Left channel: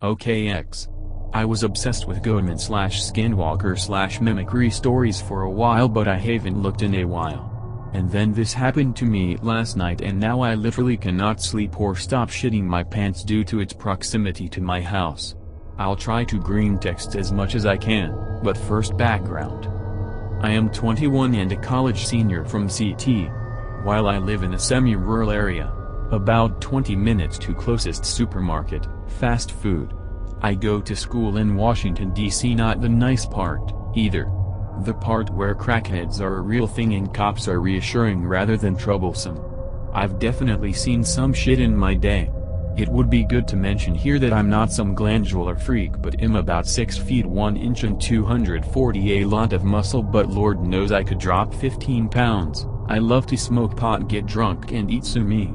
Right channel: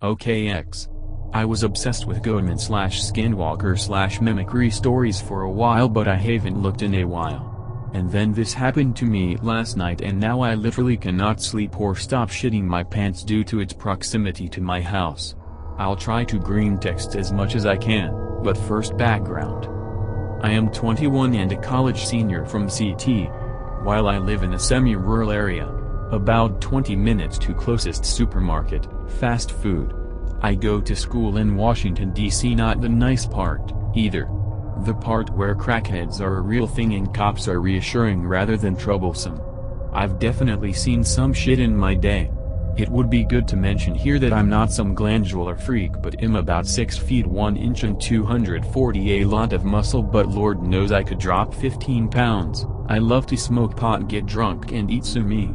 OKX. I was obsessed with Goemon/Skinwalker/mimicry stories for a while, but I haven't looked in a while. And then this happened to me last night, and now I literally cannot sleep or stop shitting my pants due to its proximity to my house. I'll try to Greentext as much as I can, but first background. I am 21 and a college senior from CT. While I live in a semi-rural area, about 20 minutes to closest supermarket, fast food. I go to school in Washington, D.C., not the nice part, either. The part where crackheads are a real thing and cops are reassuring rather than troublesome. I've definitely seen some shit in my day. It would be good to mention here that I'm not some glandular freak, but am about 6 feet 1 inch and 240 a lot of muscle, but Lord knows I could drop 15 pounds. I love to smoke pot, get drunk and eat sumi.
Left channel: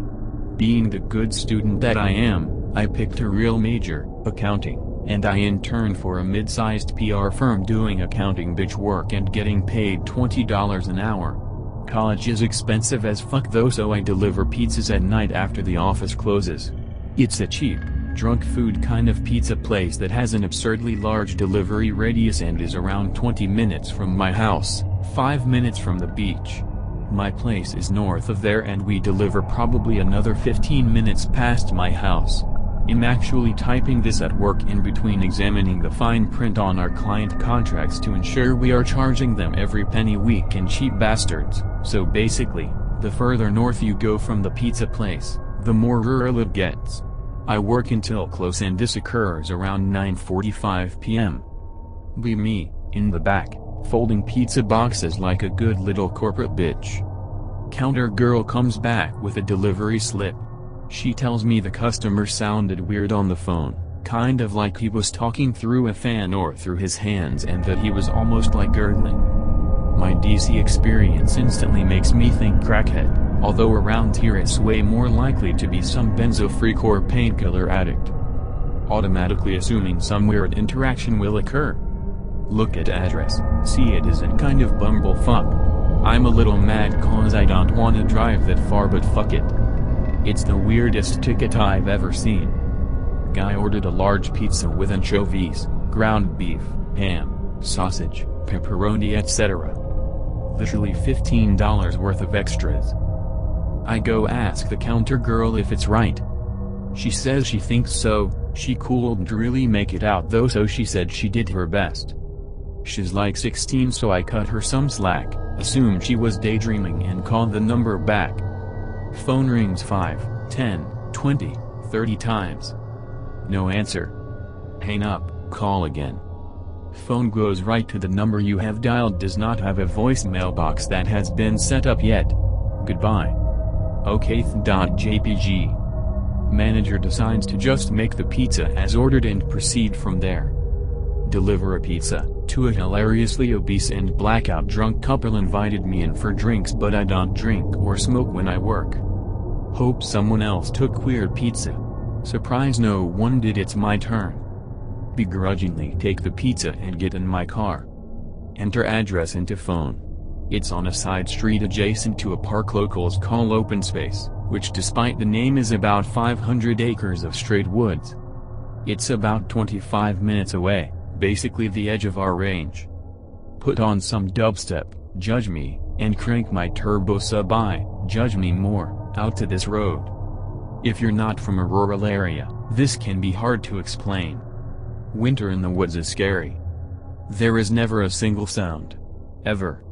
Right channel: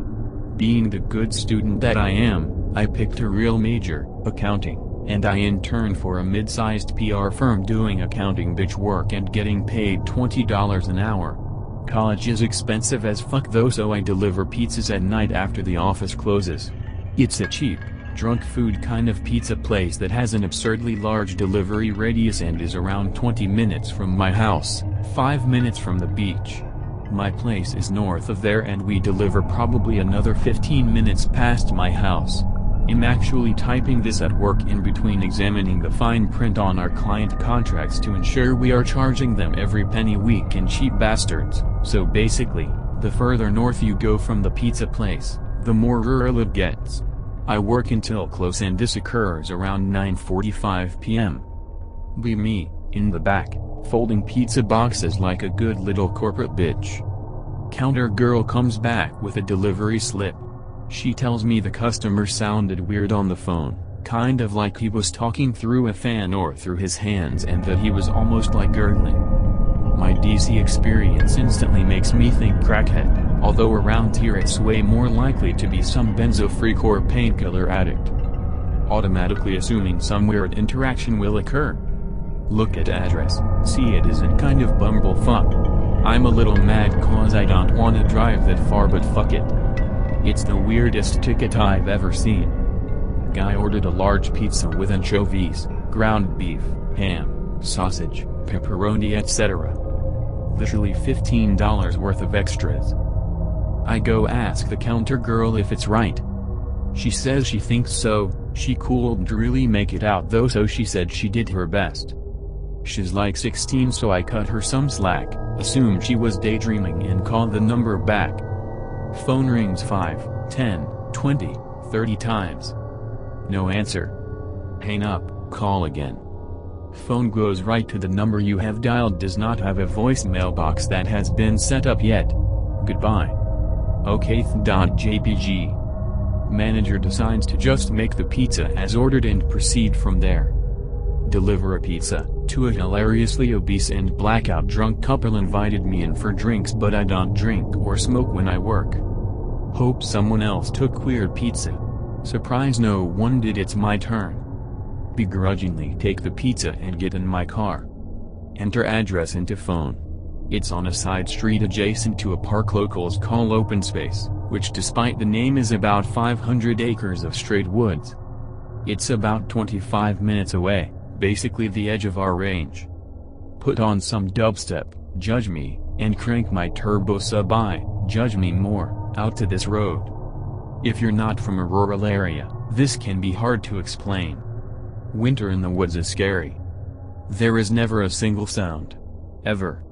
Being the good student that I am, I picked a real major, accounting, and I interned for a mid-sized PR firm doing accounting bitch work and getting paid $20 an hour. College is expensive as fuck though, so I deliver pizzas at night after the office closes. It's a cheap, drunk food kind of pizza place that has an absurdly large delivery radius and is around 20 minutes from my house, 5 minutes from the beach. My place is north of there and we deliver probably another 15 minutes past my house. I'm actually typing this at work in between examining the fine print on our client contracts to ensure we are charging them every penny we can, cheap bastards. So basically, the further north you go from the pizza place, the more rural it gets. I work until close and this occurs around 9:45 p.m. Be me, in the back, folding pizza boxes like a good little corporate bitch. Counter girl comes back with a delivery slip. She tells me the customer sounded weird on the phone, kind of like he was talking through a fan or through his hands, and that he was almost like gurgling. My DC experience instantly makes me think crackhead, although around here it's way more likely to be some benzo freak or painkiller addict. Automatically assuming some weird interaction will occur. Look at address, see it isn't kind of bumblefuck. I'm a little mad cause I don't wanna drive that far, but fuck it. It's the weirdest ticket I've ever seen. Guy ordered a large pizza with anchovies, ground beef, ham, sausage, pepperoni, etc. Literally $15 worth of extras. I go ask the counter girl if it's right. She says she thinks so. She couldn't really make it out though, so she said she did her best. She's like 16, so I cut her some slack, assumed she was daydreaming and called the number back. Phone rings 5, 10, 20, 30 times. No answer. Hang up, call again. Phone goes right to the number you have dialed, does not have a voicemail box that has been set up yet. Goodbye. Okay.jpg. Manager decides to just make the pizza as ordered and proceed from there. Deliver a pizza to a hilariously obese and blackout drunk couple invited me in for drinks, but I don't drink or smoke when I work. Hope someone else took weird pizza. Surprise no one did, it's my turn. Begrudgingly take the pizza and get in my car. Enter address into phone. It's on a side street adjacent to a park locals call open space, which despite the name is about 500 acres of straight woods. It's about 25 minutes away, basically the edge of our range. Put on some dubstep, judge me, and crank my turbo sub I, judge me more, out to this road. If you're not from a rural area, this can be hard to explain. Winter in the woods is scary. There is never a single sound. Ever.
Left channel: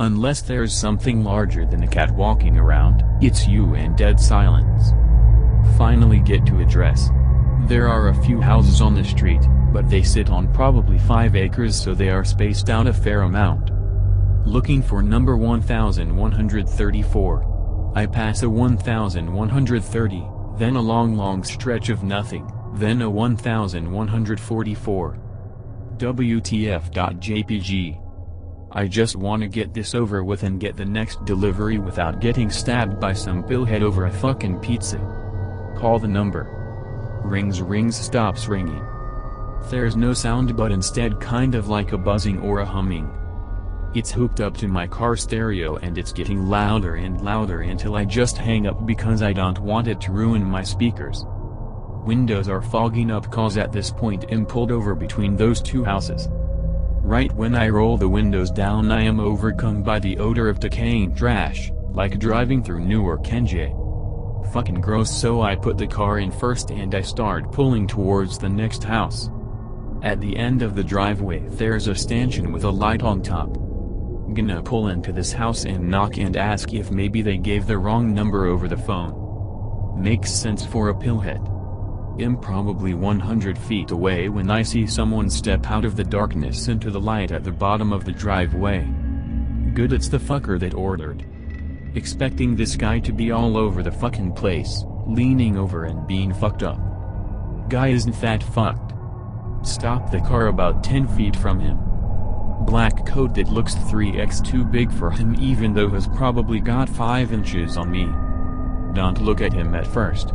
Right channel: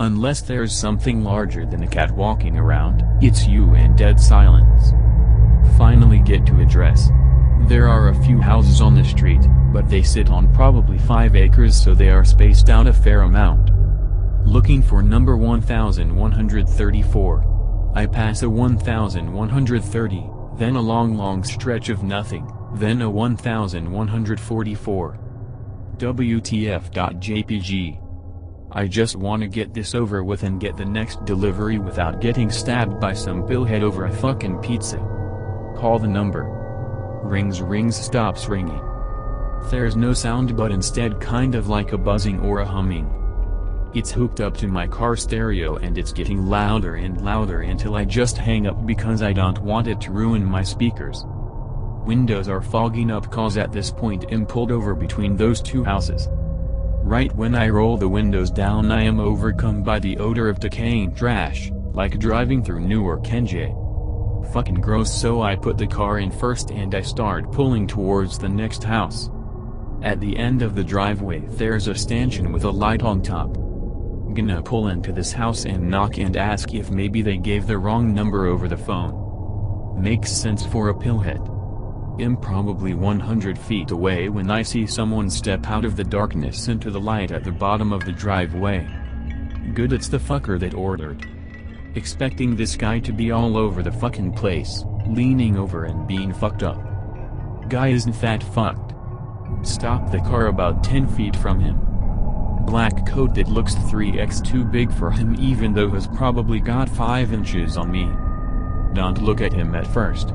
Unless there's something larger than a cat walking around, it's you and dead silence. Finally get to address. There are a few houses on the street, but they sit on probably 5 acres, so they are spaced out a fair amount. Looking for number 1134. I pass a 1130, then a long stretch of nothing, then a 1144. WTF.jpg. I just wanna get this over with and get the next delivery without getting stabbed by some pillhead over a fucking pizza. Call the number. Rings, stops ringing. There's no sound, but instead kind of like a buzzing or a humming. It's hooked up to my car stereo and it's getting louder and louder until I just hang up because I don't want it to ruin my speakers. Windows are fogging up cause at this point I'm pulled over between those two houses. Right when I roll the windows down I am overcome by the odor of decaying trash, like driving through Newark, NJ. Fucking gross, so I put the car in first and I start pulling towards the next house. At the end of the driveway there's a stanchion with a light on top. Gonna pull into this house and knock and ask if maybe they gave the wrong number over the phone. Makes sense for a pillhead. I'm probably 100 feet away when I see someone step out of the darkness into the light at the bottom of the driveway. Good, it's the fucker that ordered. Expecting this guy to be all over the fucking place, leaning over and being fucked up. Guy isn't that fucked. Stop the car about 10 feet from him. Black coat that looks 3x too big for him even though he's probably got 5 inches on me. Don't look at him at first.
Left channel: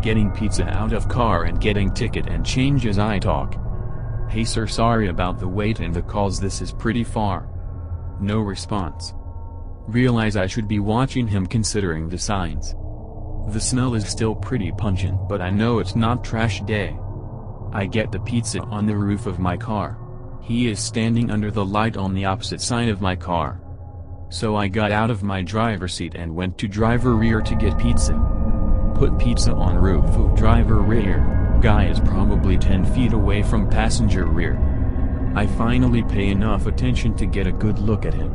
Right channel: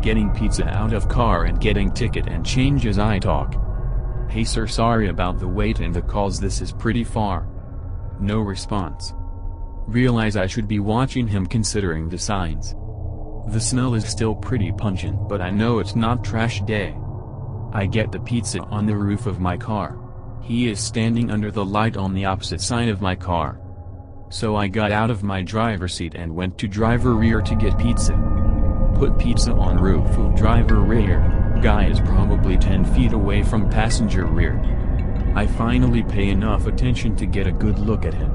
Getting pizza out of car and getting ticket and change as I talk. Hey sir, sorry about the wait and the calls, this is pretty far. No response. Realize I should be watching him considering the signs. The smell is still pretty pungent but I know it's not trash day. I get the pizza on the roof of my car. He is standing under the light on the opposite side of my car. So I got out of my driver's seat and went to driver rear to get pizza. Put pizza on roof of driver rear, guy is probably 10 feet away from passenger rear. I finally pay enough attention to get a good look at him.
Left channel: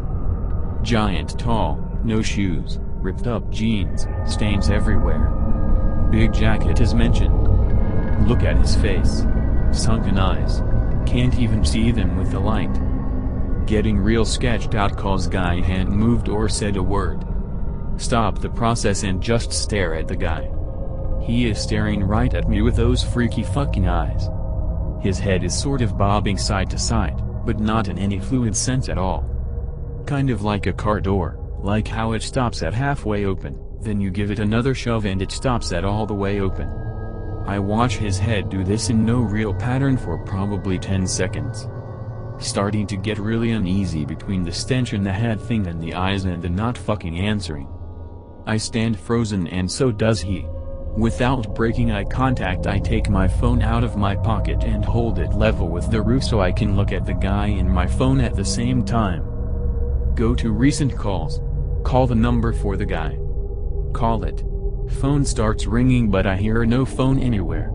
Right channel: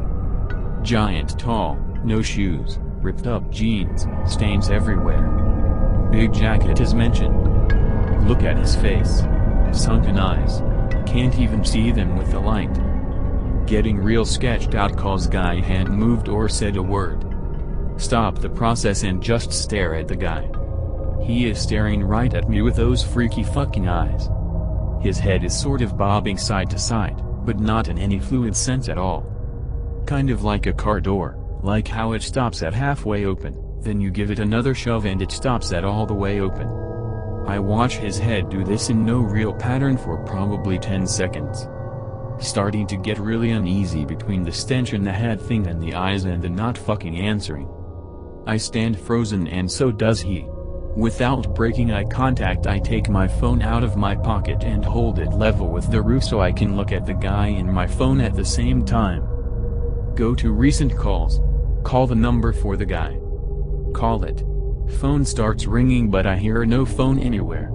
Giant tall, no shoes, ripped up jeans, stains everywhere. Big jacket is mentioned. Look at his face. Sunken eyes. Can't even see them with the light. Getting real sketched out cause guy hadn't moved or said a word. Stop the process and just stare at the guy. He is staring right at me with those freaky fucking eyes. His head is sort of bobbing side to side, but not in any fluid sense at all. Kind of like a car door, like how it stops at halfway open, then you give it another shove and it stops at all the way open. I watch his head do this in no real pattern for probably 10 seconds. Starting to get really uneasy between the stench in the head thing and the eyes and the not fucking answering. I stand frozen and so does he. Without breaking eye contact I take my phone out of my pocket and hold it level with the roof so I can look at the guy in my phone at the same time. Go to recent calls. Call the number for the guy. Call it. Phone starts ringing but I hear no phone anywhere.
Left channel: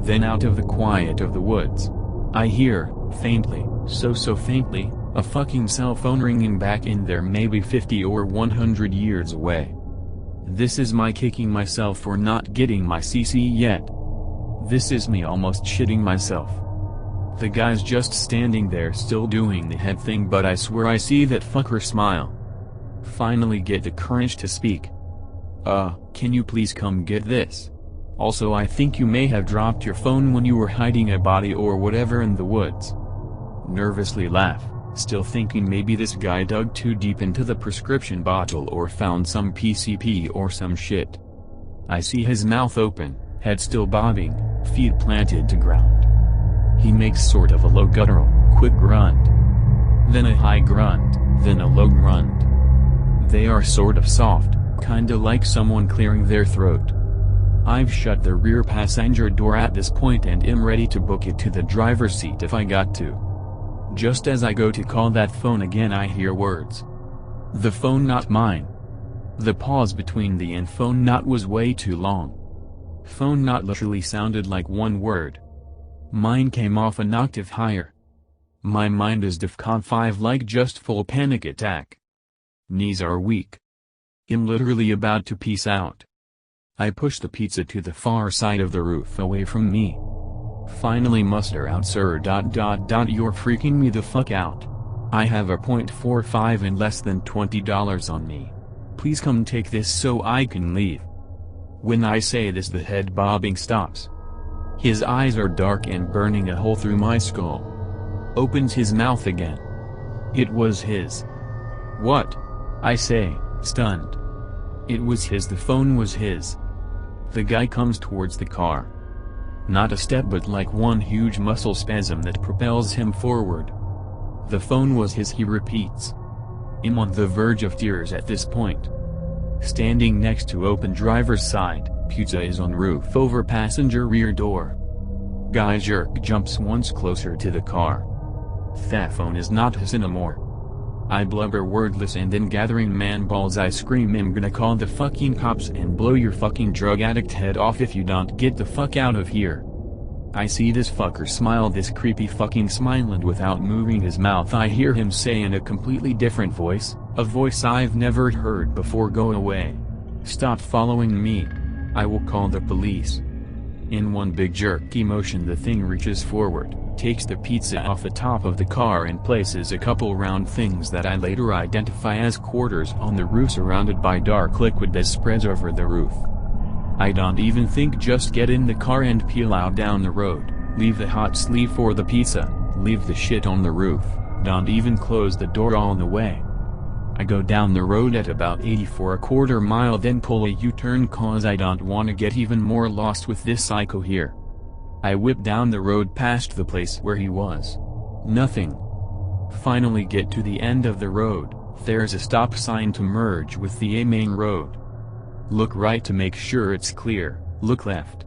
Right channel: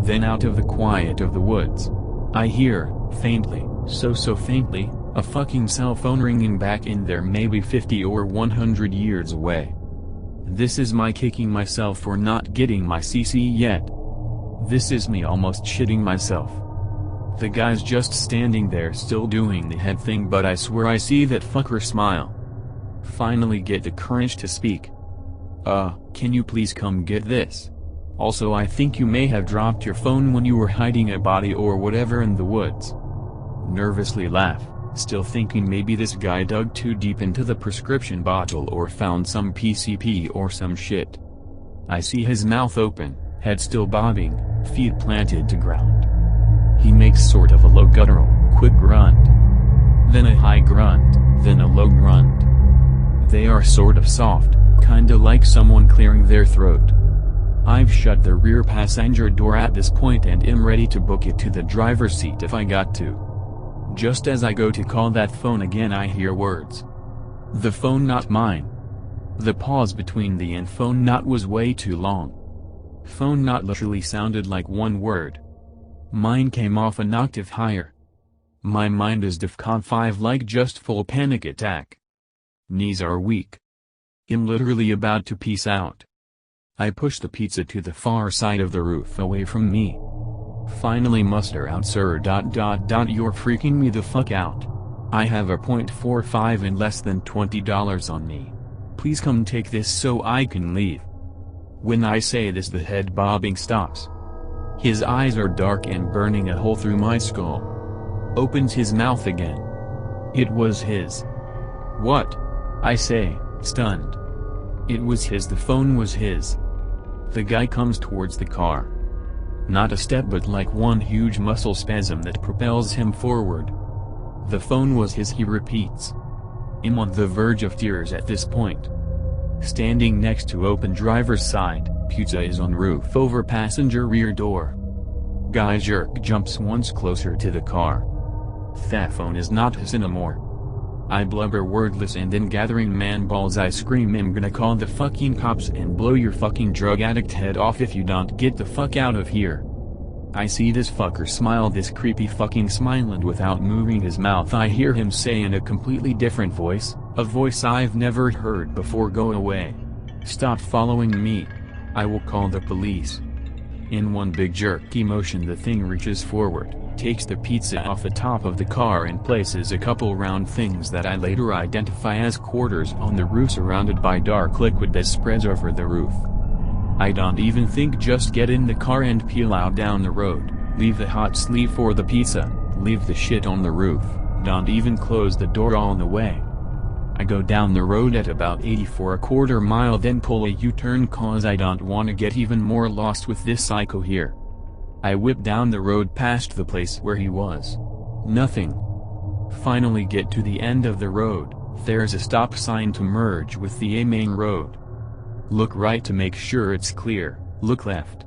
Then out of the quiet of the woods, I hear, faintly, so faintly, a fucking cell phone ringing back in there maybe 50 or 100 years away. This is my kicking myself for not getting my CC yet. This is me almost shitting myself. The guy's just standing there still doing the head thing but I swear I see that fucker smile. Finally get the courage to speak. Can you please come get this? Also I think you may have dropped your phone when you were hiding a body or whatever in the woods. Nervously laugh, still thinking maybe this guy dug too deep into the prescription bottle or found some PCP or some shit. I see his mouth open, head still bobbing, feet planted to ground. He makes sort of a low guttural, quick grunt. Then a high grunt, then a low grunt. They are sort of soft, kinda like someone clearing their throat. I've shut the rear passenger door at this point and am ready to book it to the driver's seat if I got to. Just as I go to call that phone again I hear words. The phone not mine. The pause between the and phone not was way too long. Phone not literally sounded like one word. Mine came off an octave higher. My mind is DEFCON 5 like just full panic attack. Knees are weak. I'm literally about to peace out. I push the pizza to the far side of the roof away from me. Finally muster out sir ... You're freaking me the fuck out. I have a .45 and less than $20 on me. Please come take this so I can leave. When I say this the head bobbing stops. His eyes are dark and burning a hole through my skull. Opens his mouth again. It was his. What? I say, stunned. It was his, the phone was his. The guy comes towards the car. Not a step but like one huge muscle spasm that propels him forward. The phone was his, he repeats. I'm on the verge of tears at this point. Standing next to open driver's side, Pizza is on roof over passenger rear door. Guy jerk jumps once closer to the car. That phone is not his anymore. I blubber wordless and then gathering man balls I scream I'm gonna call the fucking cops and blow your fucking drug addict head off if you don't get the fuck out of here. I see this fucker smile this creepy fucking smile and without moving his mouth I hear him say in a completely different voice, a voice I've never heard before, go away. Stop following me. I will call the police. In one big jerky motion the thing reaches forward, takes the pizza off the top of the car and places a couple round things that I later identify as quarters on the roof surrounded by dark liquid that spreads over the roof. I don't even think, just get in the car and peel out down the road, leave the hot sleeve for the pizza, leave the shit on the roof, don't even close the door all the way. I go down the road at about 80 for a quarter mile then pull a U-turn cause I don't wanna get even more lost with this psycho here. I whip down the road past the place where he was. Nothing. Finally get to the end of the road, there's a stop sign to merge with the main road. Look right to make sure it's clear, look left.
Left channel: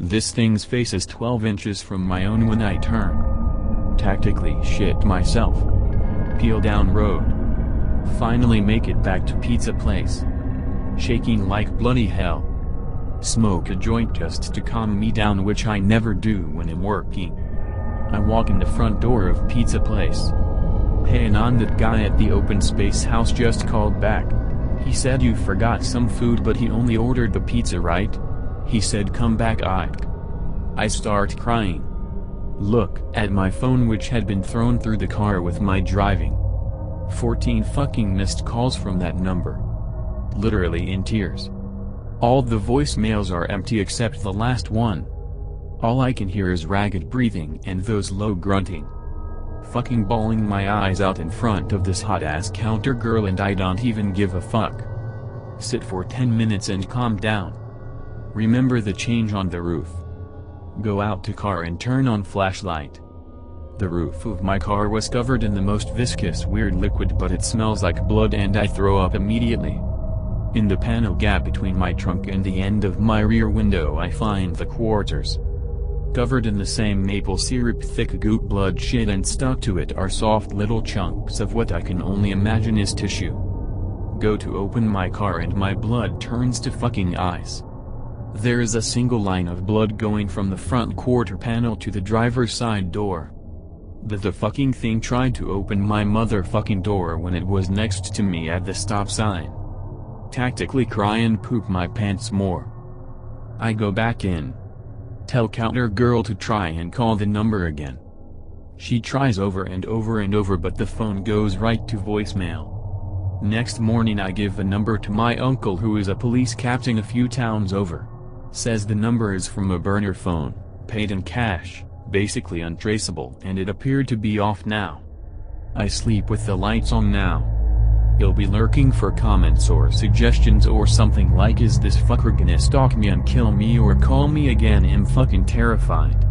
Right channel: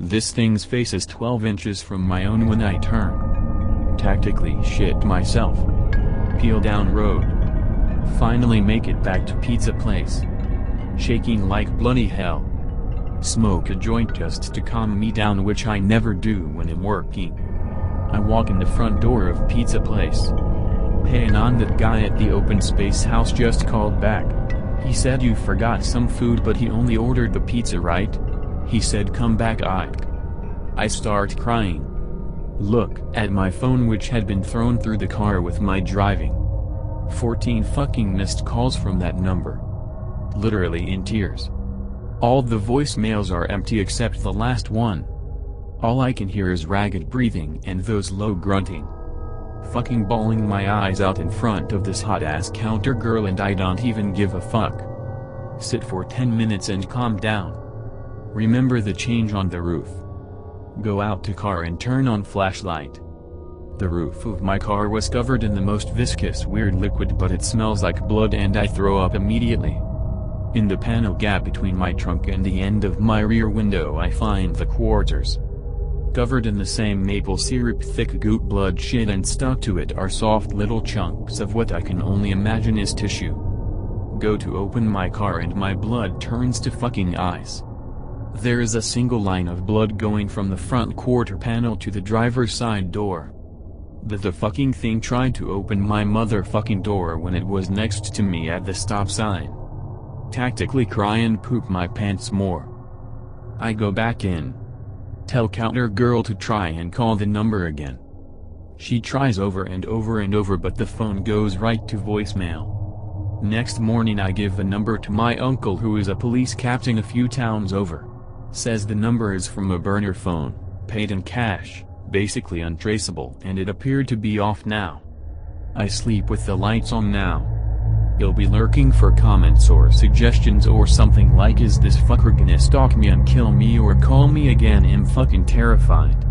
This thing's face is 12 inches from my own when I turn. Tactically shit myself. Peel down road. Finally make it back to pizza place. Shaking like bloody hell. Smoke a joint just to calm me down, which I never do when I'm working. I walk in the front door of pizza place. Hey Anon, that guy at the open space house just called back. He said you forgot some food but he only ordered the pizza, right? He said come back Ike. I start crying. Look at my phone, which had been thrown through the car with my driving. 14 fucking missed calls from that number. Literally in tears. All the voicemails are empty except the last one. All I can hear is ragged breathing and those low grunting. Fucking bawling my eyes out in front of this hot ass counter girl and I don't even give a fuck. Sit for 10 minutes and calm down. Remember the change on the roof. Go out to car and turn on flashlight. The roof of my car was covered in the most viscous weird liquid, but it smells like blood and I throw up immediately. In the panel gap between my trunk and the end of my rear window I find the quarters. Covered in the same maple syrup thick goop blood shit, and stuck to it are soft little chunks of what I can only imagine is tissue. Go to open my car and my blood turns to fucking ice. There is a single line of blood going from the front quarter panel to the driver's side door. The fucking thing tried to open my motherfucking door when it was next to me at the stop sign. Tactically cry and poop my pants more. I go back in. Tell counter girl to try and call the number again. She tries over and over and over but the phone goes right to voicemail. Next morning I give the number to my uncle, who is a police captain a few towns over. Says the number is from a burner phone, paid in cash, basically untraceable, and it appeared to be off now. I sleep with the lights on now. You'll be lurking for comments or suggestions or something like, is this fucker gonna stalk me and kill me or call me again? I'm fucking terrified.